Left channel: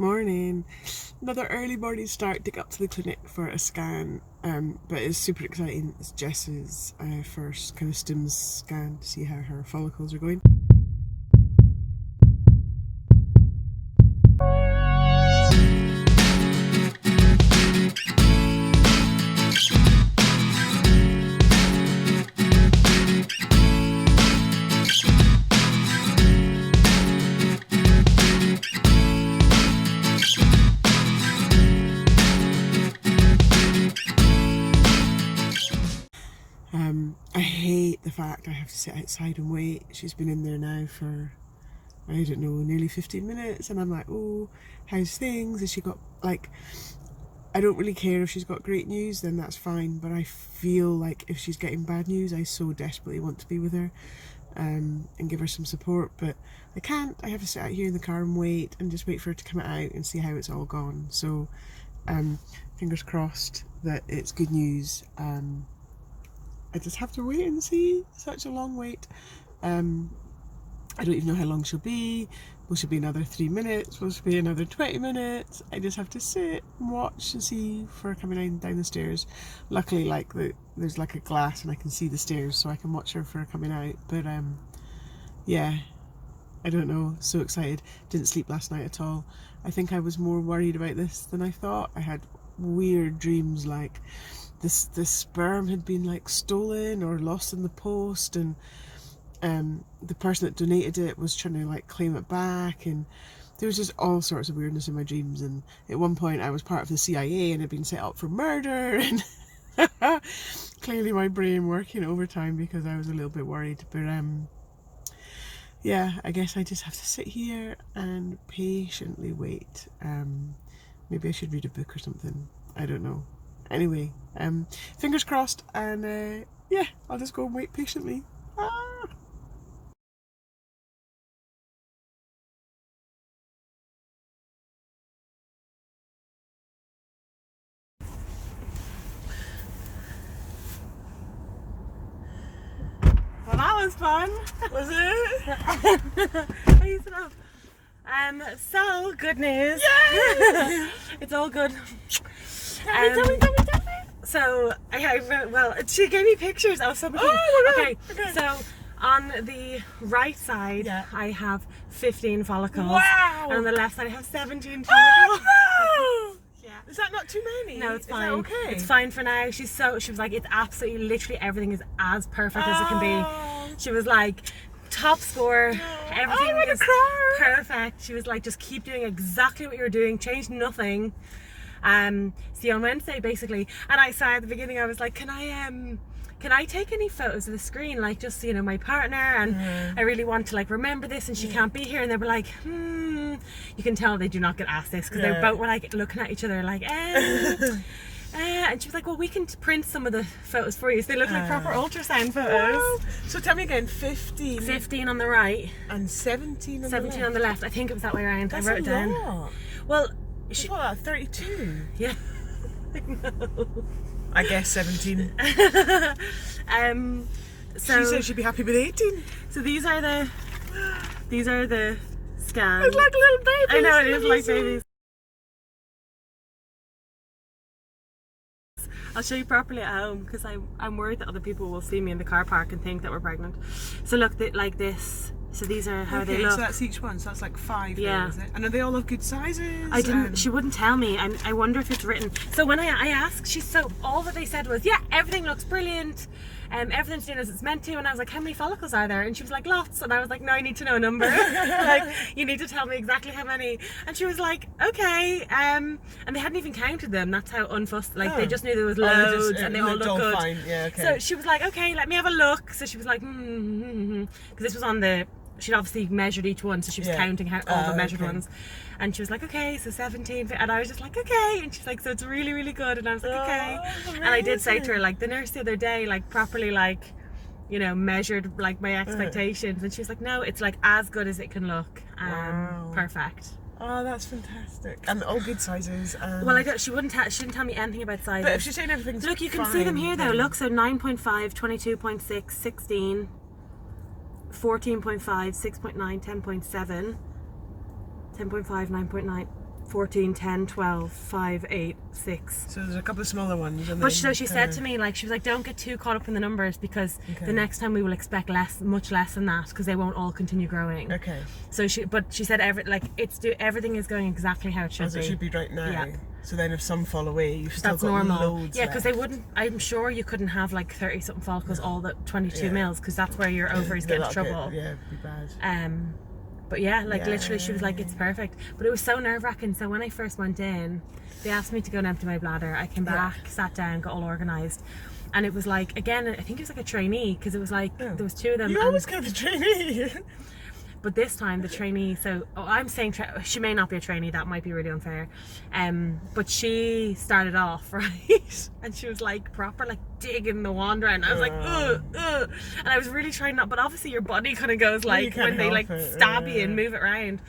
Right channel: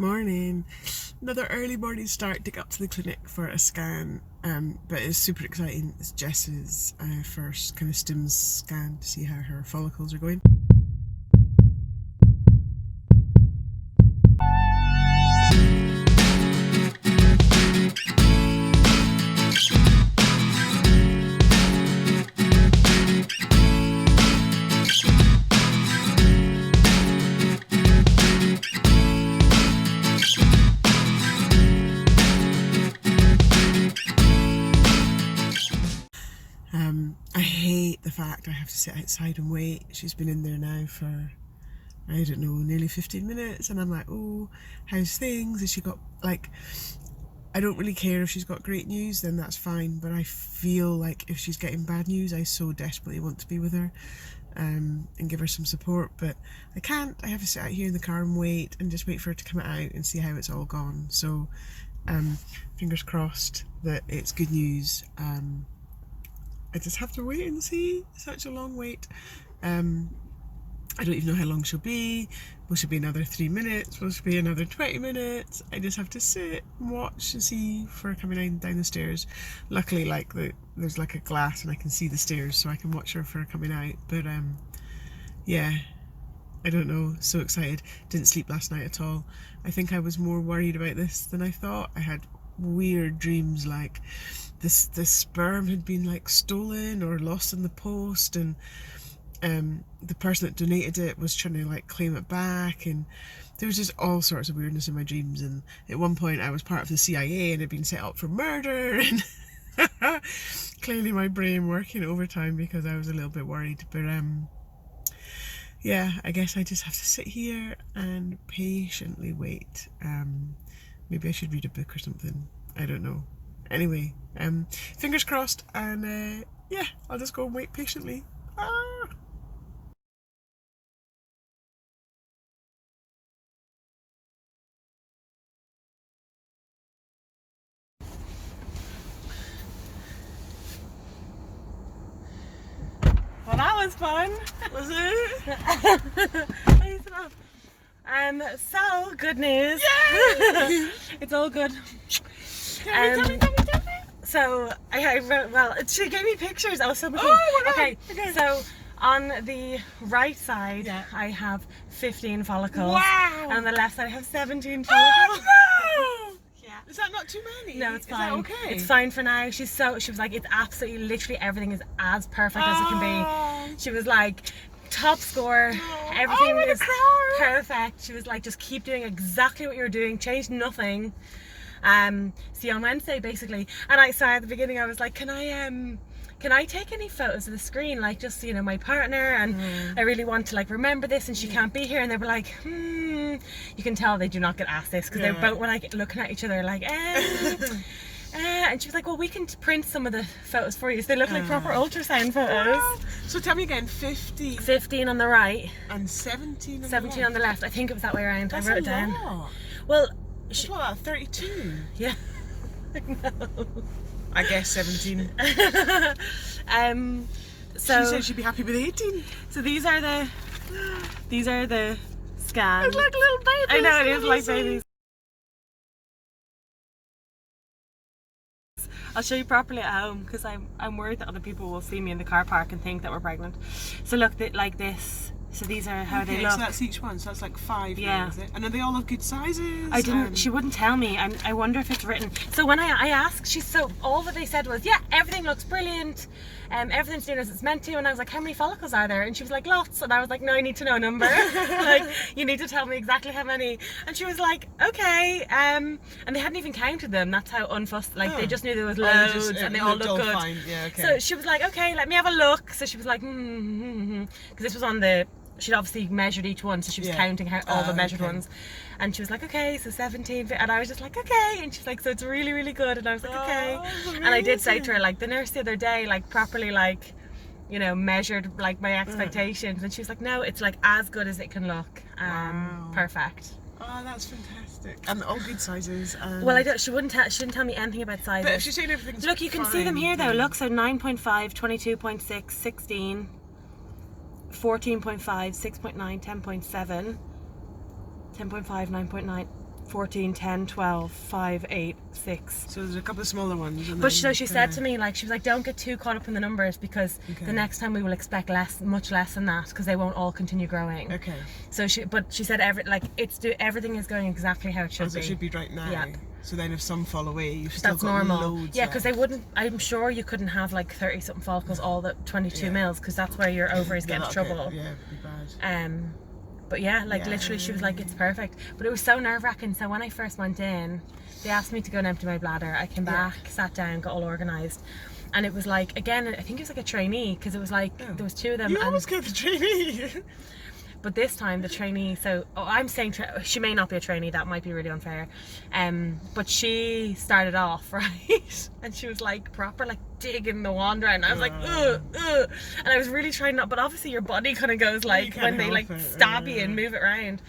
Morning. Another early morning start to get up to the clinic for a scan, but it's super exciting. It's Jess's first kind of Stims scan to see how her follicles are going. I hate the fact I have to sit outside and wait. She's been in there now for, I don't know, nearly 15 minutes, and I'm like, oh, how's things? Has she got, like, I don't really care if she's got great news, then that's fine, but I feel like if she's getting bad news, I so desperately want to be with her and give her some support, but I can't. I have to sit out here in the car and wait, and just wait for her to come out and see how it's all gone. So fingers crossed that it's good news. I just have to wait and see. Such a long wait. I don't even know how long she'll be. Will she be another 3 minutes? Will she be another 20 minutes? I just have to sit and watch and see for her coming down the stairs. Luckily, like there's like a glass and I can see the stairs, so I can watch her for her coming out. But yeah, I don't know. So excited. Didn't sleep last night at all. I think I was more worried about this than I thought. I had weird dreams, like this sperm had been like stolen or lost in the post, and the person that donated it was trying to like claim it back, and there was just all sorts of weirdness in my dreams. And at one point I was part of the CIA and had been set up for murder, and clearly my brain working overtime because I was a little bit worried. But yeah, I guess I just have to sit here and patiently wait. Maybe I should read a book or something. I don't know. Anyway, fingers crossed, and yeah, I'll just go and wait patiently. Ah. Well, that was fun, was it? Ease it up. So good news. Yay! It's all good. Tell me. So I wrote, well, she gave me pictures. Oh, so Oh my God. Okay. So on the right side, Yeah. I have 15 follicles. Wow! And on the left side, I have 17 Oh follicles. no! Yeah. Is that not too many? No, it's Is fine. that okay? It's fine for now. She was like, it's absolutely, literally everything is as perfect as it can be. Oh. She was like, top score. No. Everything I'm gonna is cry. perfect. She was like, just keep doing exactly what you were doing. Change nothing. See, on Wednesday basically, and I saw at the beginning, I was like, can I take any photos of the screen, like just, you know, my partner, and I really want to like remember this, and she can't be here. And they were like, you can tell they do not get asked this, because they both were like looking at each other like and she was like, well, we can print some of the photos for you, so they look like proper ultrasound photos. Wow. So tell me again, 15 on the right and 17 on 17 the on the left. I think it was that way around. That's I wrote it down. lot. Well, That's what, like 32? yeah. I know. I guess 17. So She said she'd be happy with 18. So these are the scans. It's like little babies. I know, it is like Amazing. babies. I'll show you properly at home, because I'm worried that other people will see me in the car park and think that we're pregnant. So look, like this. So these are how they look. So that's each one. So that's like 5. Yeah. Then, is it? And are they all of good sizes? I didn't. She wouldn't tell me. I wonder if it's written. So when I asked, all that they said was, yeah, everything looks brilliant. Everything's doing as it's meant to. And I was like, how many follicles are there? And she was like, lots. And I was like, no, I need to know a number. Like, you need to tell me exactly how many. And she was like, okay. And they hadn't even counted them. That's how unfussed. Like, they just knew there was loads, and they all looked good. Fine. Yeah, okay. So she was like, okay, let me have a look. So she was like, because this was on the. She'd obviously measured each one, so she was counting all the measured ones. And she was like, okay, so 17. And I was just like, okay. And she's like, so it's really, really good. And I was like, okay. And I did say to her, like, the nurse the other day, like, properly, like, you know, measured, like, my expectations. And she was like, no, it's, like, as good as it can look. Wow. Perfect. Oh, that's fantastic. And all good sizes. Well, she didn't tell me anything about sizes. But if she's saying everything's look, you can see them here, though. Look, so 9.5, 22.6, 16. 14.5, 6.9, 10.7, 10.5, 9.9, 14, 10, 12, 5, 8, 6. So there's a couple of smaller ones. And But then so she said kinda- to me, like, she was like, don't get too caught up in the numbers, because Okay. the next time we will expect much less than that, because they won't all continue growing. Okay. So she said everything is going exactly how it should As be. it should be right now. Yeah. So then if some fall away, you've still That's got normal. loads Yeah, because they left. wouldn't. I'm sure you couldn't have like 30 something follicles all the 22 Yeah. mils, because that's where your ovaries get into trouble. Yeah, it'd be bad. But yeah, like literally, she was like, it's perfect. But it was so nerve wracking. So when I first went in, they asked me to go and empty my bladder. I came back, sat down, got all organised. And it was like, again, I think it was like a trainee, because it was like, there was two of them. You and- always get the trainee. But this time the trainee, I'm saying she may not be a trainee, that might be really unfair. But she started off, right? And she was like proper like digging the wand around. I was like, ugh. And I was really trying not, but obviously your body kind of goes like, can't when they like help it, stab you and move it around.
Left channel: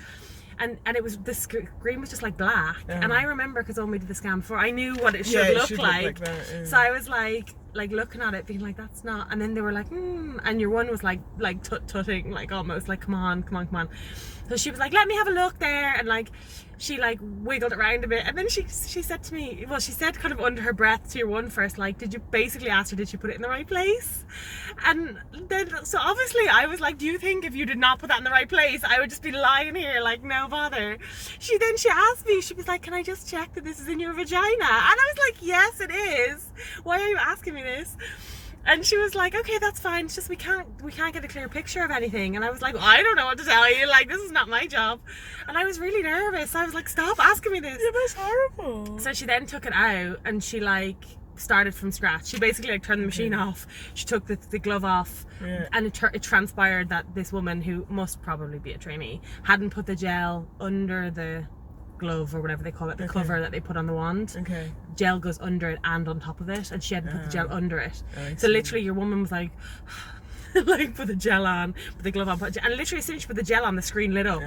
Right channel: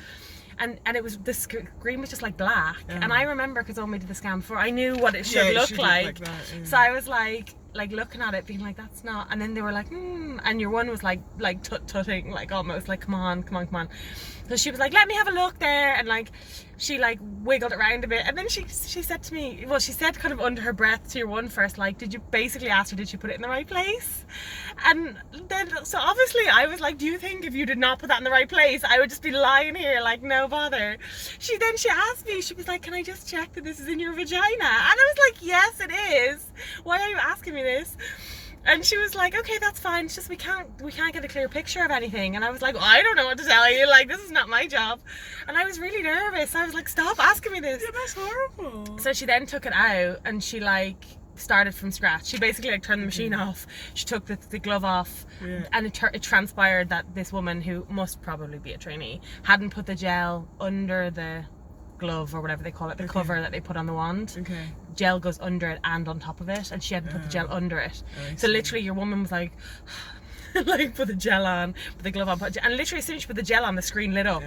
And it was, the screen was just like black. And I remember, because when we did the scan before, I knew what it should look like. That, yeah. So I was like looking at it, being like, that's not. And then they were like, and your one was like tutting, like almost like, come on. So she was like, let me have a look there, and like she like wiggled around a bit, and then she said to me, well, she said kind of under her breath to your one first, like, did you basically ask her, did she put it in the right place? And then, so obviously I was like, do you think if you did not put that in the right place, I would just be lying here like, no bother? She asked me, she was like, can I just check that this is in your vagina? And I was like, yes, it is. Why are you asking me this? And she was like, okay, that's fine. It's just we can't get a clear picture of anything. And I was like, well, I don't know what to tell you. Like, this is not my job. And I was really nervous. I was like, stop asking me this. Yeah, that's horrible. So she then took it out, and she like started from scratch. She basically like turned the machine off. She took the glove off, and it transpired that this woman, who must probably be a trainee, hadn't put the gel under the glove, or whatever they call it, the cover that they put on the wand. Okay. Gel goes under it and on top of it, and she hadn't put the gel under it. I So see. literally your woman was like like put the gel on, put the glove on, and literally as soon as she put the gel on, the screen lit up,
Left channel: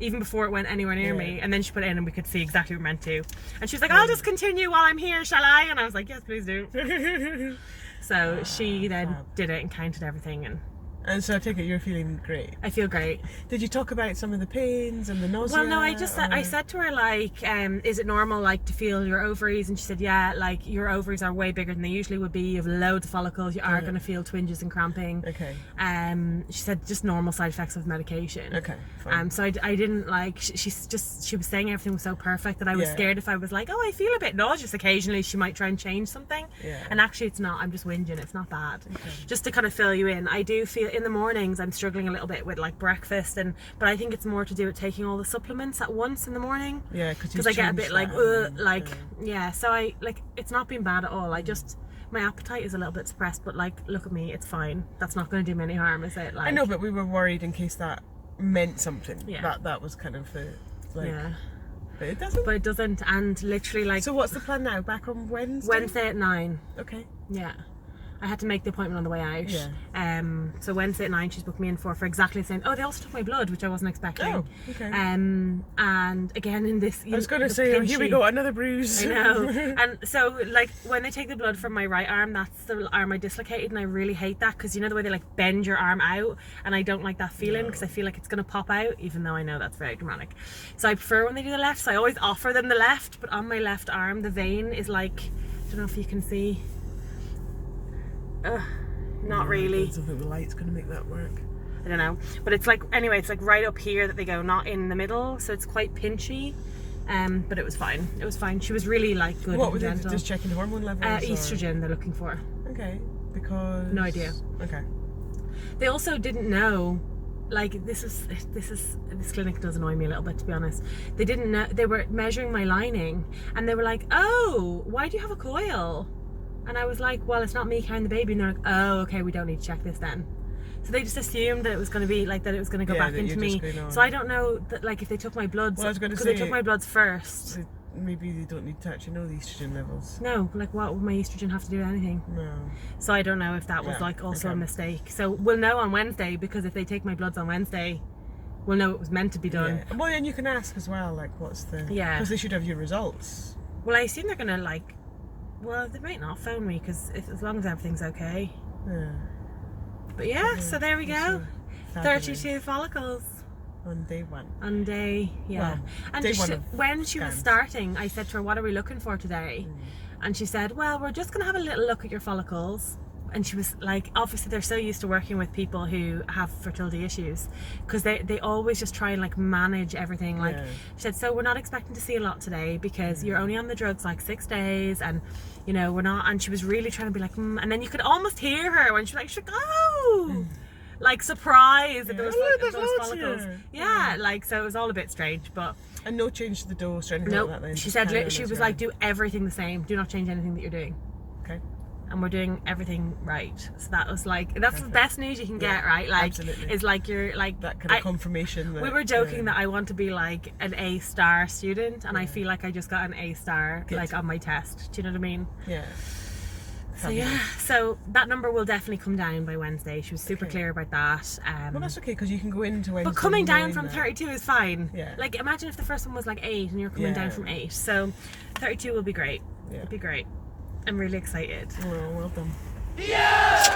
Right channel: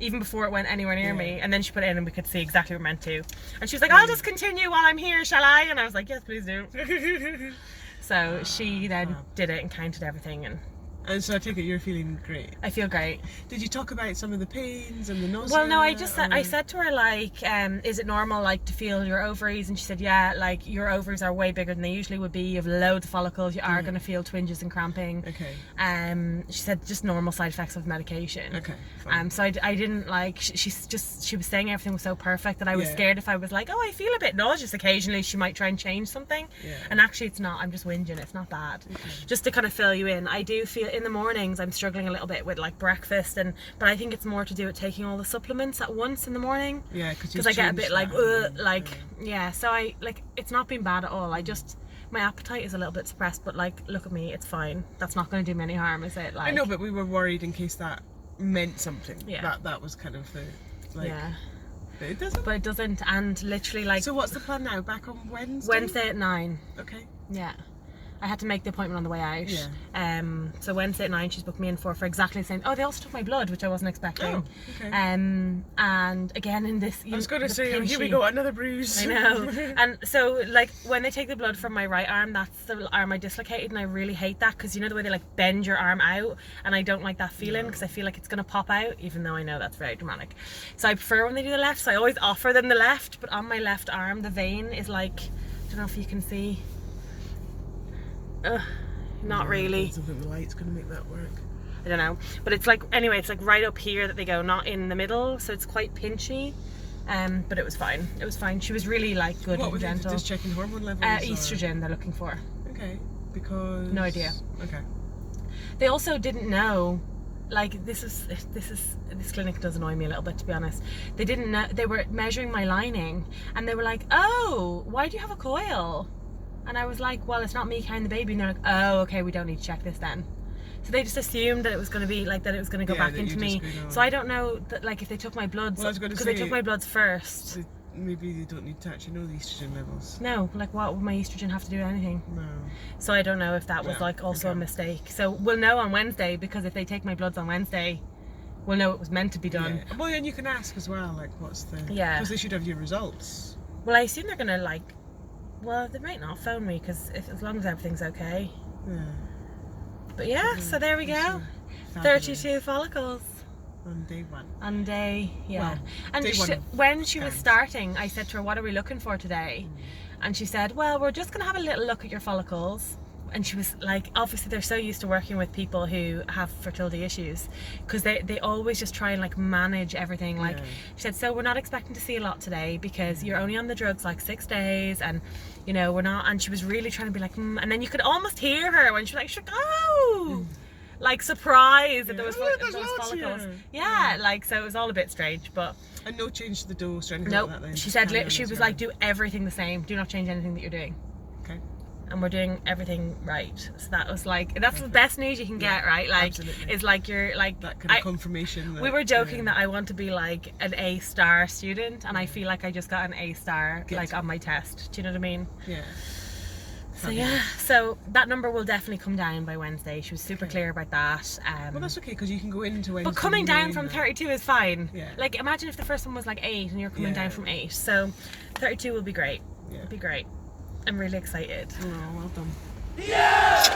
even before it went anywhere near me. And then she put it in, and we could see exactly what it meant to. And she was like, I'll just continue while I'm here, shall I? And I was like, yes, please do. So she then did it and counted everything, And so I take it you're feeling great. I feel great. Did you talk about some of the pains and the nausea? Well, no, I said to her, like, is it normal, like, to feel your ovaries? And she said, yeah, like, your ovaries are way bigger than they usually would be. You have loads of follicles. You are going to feel twinges and cramping. Okay. She said just normal side effects of medication. Okay, fine. So I didn't like, she was saying everything was so perfect that I was scared if I was like, oh, I feel a bit nauseous occasionally, she might try and change something. And actually it's not. I'm just whinging. It's not bad. Just to kind of fill you in, I do feel in the mornings I'm struggling a little bit with like breakfast, but I think it's more to do with taking all the supplements at once in the morning. Yeah, because I get a bit like so I like, it's not been bad at all. I just, my appetite is a little bit suppressed, but like, look at me, it's fine. That's not going to do me any harm, is it? Like, I know, but we were worried in case that meant something. That was kind of the like. Yeah. But it doesn't. But it doesn't, and literally like. So what's the plan now? Back on Wednesday? Wednesday at 9. Okay. Yeah. I had to make the appointment on the way out. Yeah. So Wednesday at 9 she's booked me in for exactly the same. Oh, they also took my blood, which I wasn't expecting. Oh, okay. And again in this, I was going to say, here we go, another bruise. I know. And so like when they take the blood from my right arm, that's the arm I dislocated, and I really hate that, because you know the way they like bend your arm out, and I don't like that feeling, because I feel like it's going to pop out, even though I know that's very dramatic. So I prefer when they do the left, so I always offer them the left, but on my left arm the vein is like, I don't know if you can see. Not really. I don't think the light's going to make that work. I don't know, but it's like, anyway, it's like right up here that they go, not in the middle, so it's quite pinchy. But it was fine. It was fine. She was really like good and gentle. Just checking hormone levels? Estrogen they're looking for. Okay, because no idea. Okay. They also didn't know. Like this clinic does annoy me a little bit, to be honest. They didn't know. They were measuring my lining, and they were like, "Oh, why do you have a coil?" And I was like, well, it's not me carrying the baby. And they're like, oh, okay, we don't need to check this then. So they just assumed that it was going to be like, that it was going to go back into me. So I don't know that, like, if they took my bloods, because they took my bloods first. Maybe they don't need to actually know the estrogen levels. No, like, what would my estrogen have to do with anything? No. So I don't know if that was like also a mistake. So we'll know on Wednesday, because if they take my bloods on Wednesday, we'll know it was meant to be done. Yeah. Well, and you can ask as well, like, what's the... Yeah. Because they should have your results. Well, I assume they're going to, like... Well, they might not phone me, because as long as everything's okay. Yeah. But yeah, so there we go. 32 follicles. On day one. On day, yeah. Well, and day one of when she was scans. starting, I said to her, what are we looking for today? And she said, well, we're just going to have a little look at your follicles. And she was like, obviously they're so used to working with people who have fertility issues, because they always just try and like manage everything. Like, she said, so we're not expecting to see a lot today because you're only on the drugs like 6 days, and you know, we're not. And she was really trying to be like, and then you could almost hear her when she was like, she's like, oh, like surprised that there was those follicles. Yeah, like, so it was all a bit strange, but. And no change to the dose or anything Nope. like that then? She Just said carry on she as was you're like, on. do everything the same. Do not change anything that you're doing. Okay. And we're doing everything right. So that was like, that's Perfect. the best news you can get, right? Like, absolutely. is like you're like That kind of confirmation. That, we were joking that I want to be like an A-star student, and I feel like I just got an A-star like on my test. Do you know what I mean? Yeah. So yeah, so that number will definitely come down by Wednesday. She was super clear about that. Well, that's okay, because you can go into Wednesday. But coming down knowing from that. 32 is fine. Yeah. Like, imagine if the first one was like 8 and you're coming down from 8. So 32 will be great. Yeah. It'll be great. I'm really excited. Oh, well done. Yeah!